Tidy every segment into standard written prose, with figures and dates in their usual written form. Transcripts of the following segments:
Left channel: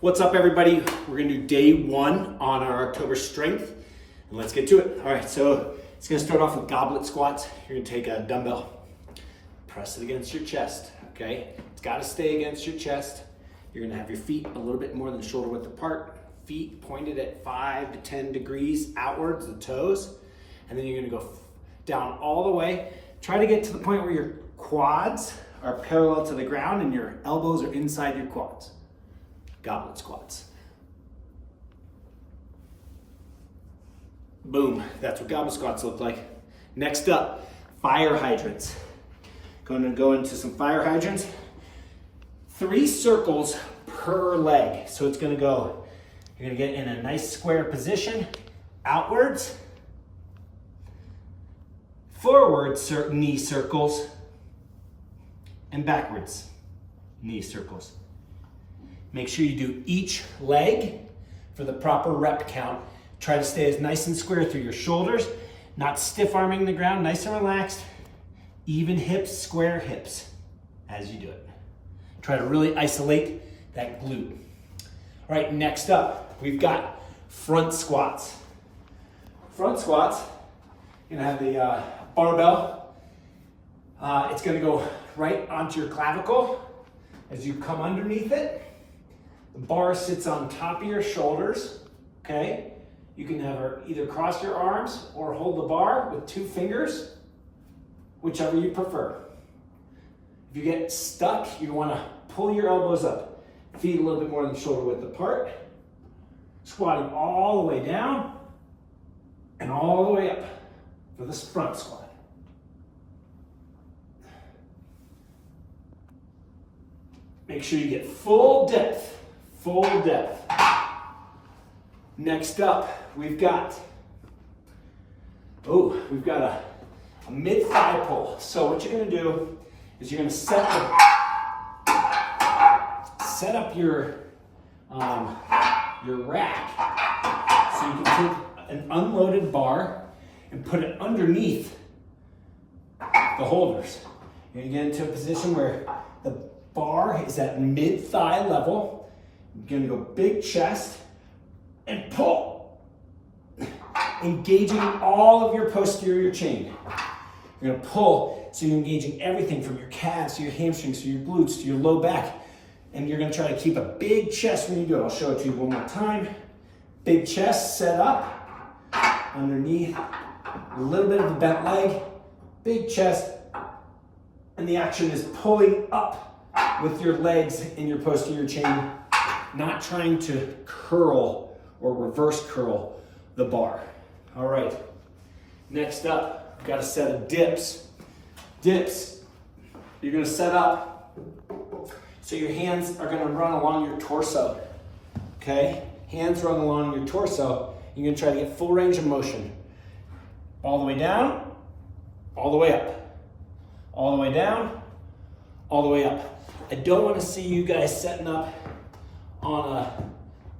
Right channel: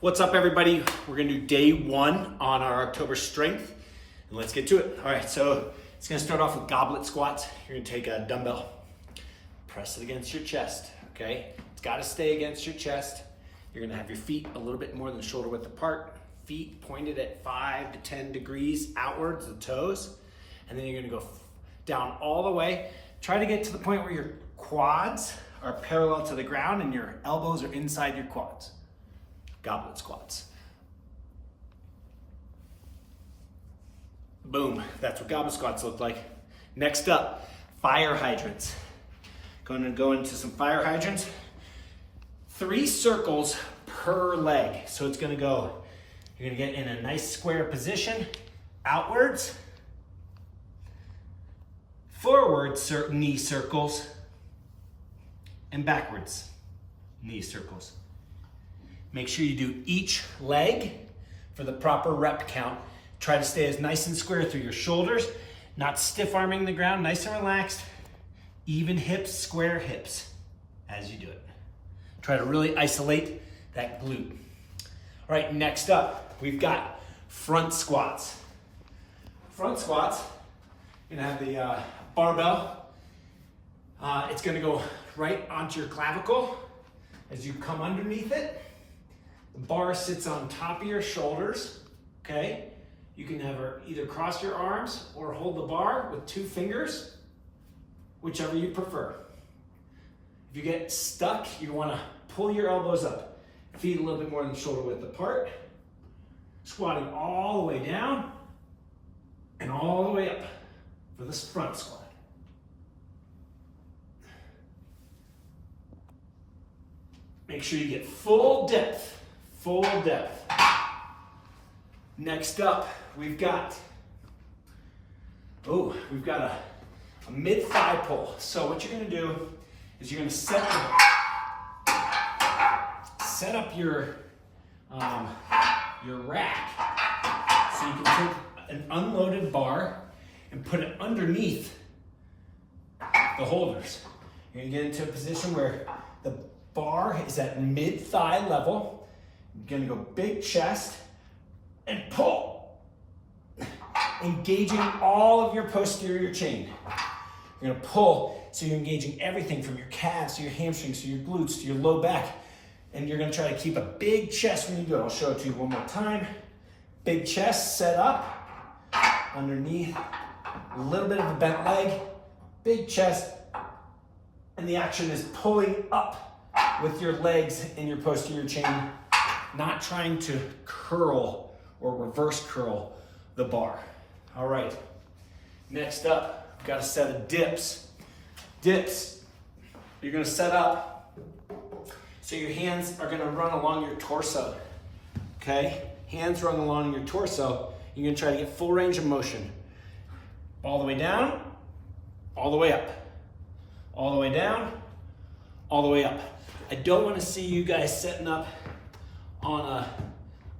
What's up, everybody? We're gonna do day one on our October strength, and let's get to it. All right, so it's gonna start off with goblet squats. You're gonna take a dumbbell, press it against your chest, okay? It's gotta stay against your chest. You're gonna have your feet a little bit more than shoulder width apart, feet pointed at 5 to 10 degrees outwards, the toes, and then you're gonna go down all the way. Try to get to the point where your quads are parallel to the ground and your elbows are inside your quads. Goblet squats. Boom, that's what goblet squats look like. Next up, fire hydrants. Going to go into some fire hydrants. 3 circles per leg. So it's gonna go, you're gonna get in a nice square position, outwards, forwards knee circles, and backwards knee circles. Make sure you do each leg for the proper rep count. Try to stay as nice and square through your shoulders, not stiff arming the ground, nice and relaxed. Even hips, square hips as you do it. Try to really isolate that glute. All right, next up, we've got front squats. Front squats, you're gonna have the barbell. It's gonna go right onto your clavicle as you come underneath it. The bar sits on top of your shoulders, okay? You can have her either cross your arms or hold the bar with 2 fingers, whichever you prefer. If you get stuck, you wanna pull your elbows up, feet a little bit more than shoulder width apart, squatting all the way down and all the way up for this front squat. Make sure you get full depth. Full depth. Next up, we've got a mid-thigh pull. So what you're gonna do is you're gonna set up your rack. So you can take an unloaded bar and put it underneath the holders. You're gonna get into a position where the bar is at mid-thigh level. You're gonna go big chest and pull, engaging all of your posterior chain. You're gonna pull, so you're engaging everything from your calves to your hamstrings to your glutes to your low back. And you're gonna try to keep a big chest when you do it. I'll show it to you one more time. Big chest set up, underneath, a little bit of a bent leg, big chest, and the action is pulling up with your legs and your posterior chain, not trying to curl or reverse curl the bar. All right, next up, we've got a set of dips. Dips, you're gonna set up so your hands are gonna run along your torso, okay? Hands run along your torso. You're gonna try to get full range of motion. All the way down, all the way up. All the way down, all the way up. I don't wanna see you guys setting up on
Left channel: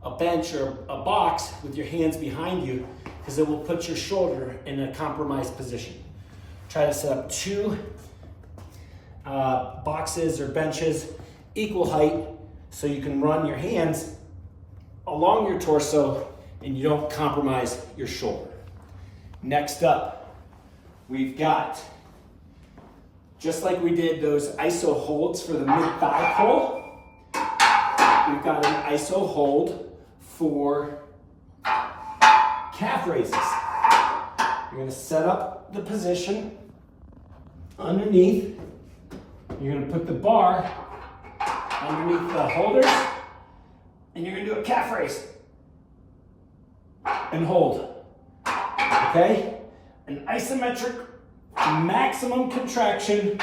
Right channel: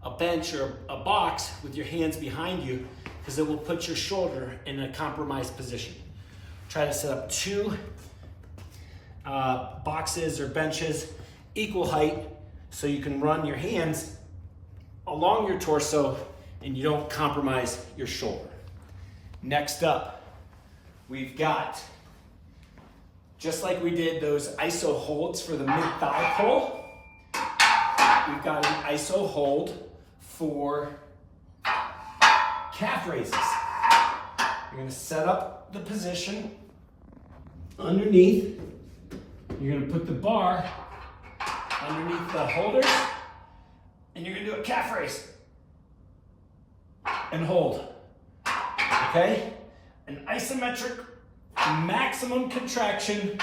a bench or a box with your hands behind you, because it will put your shoulder in a compromised position. Try to set up 2 boxes or benches equal height so you can run your hands along your torso and you don't compromise your shoulder. Next up, we've got, just like we did those iso holds for the mid-thigh pull, we've got an iso hold for calf raises. You're gonna set up the position underneath. You're gonna put the bar underneath the holders, and you're gonna do a calf raise. And hold, okay? An isometric maximum contraction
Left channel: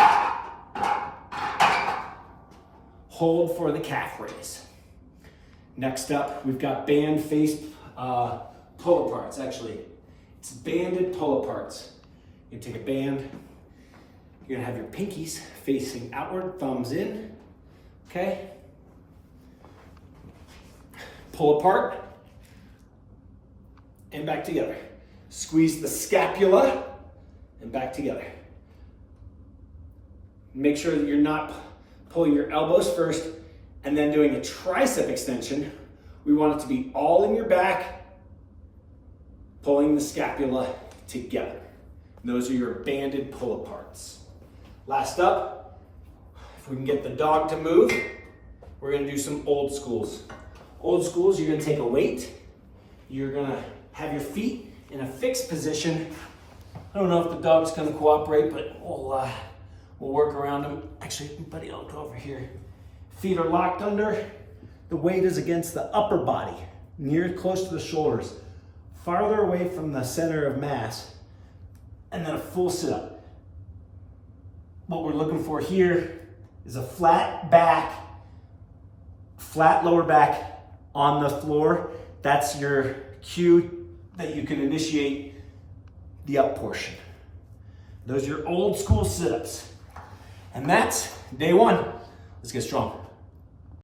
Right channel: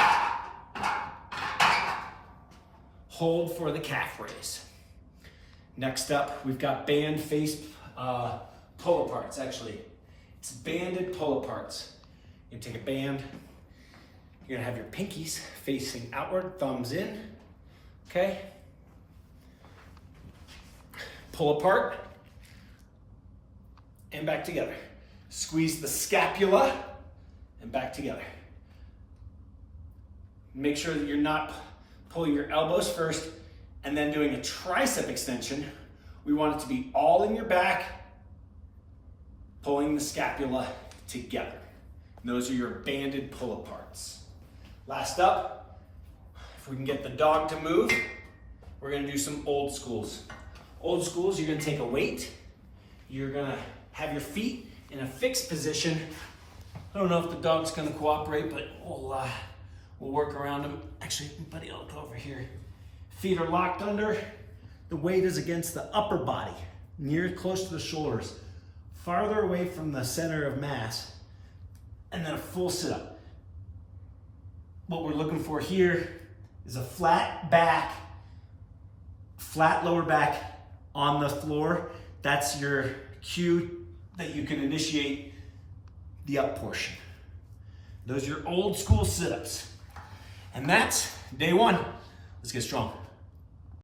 hold for the calf raise. Next up, we've got band face pull aparts. Actually, it's banded pull aparts. You take a band, you're gonna have your pinkies facing outward, thumbs in, okay? Pull apart and back together. Squeeze the scapula and back together. Make sure that you're not pulling your elbows first and then doing a tricep extension We want it to be all in your back, pulling the scapula together. And those are your banded pull aparts. Last up, if we can get the dog to move, we're gonna do some old schools. Old schools, you're gonna take a weight, you're gonna have your feet in a fixed position. I don't know if the dog's gonna cooperate, but we'll work around him. Actually, buddy, I'll go over here. Feet are locked under. The weight is against the upper body, near close to the shoulders, farther away from the center of mass, and then a full sit-up. What we're looking for here is a flat back, flat lower back on the floor. That's your cue that you can initiate the up portion. Those are your old school sit-ups. And that's day one. Let's get strong.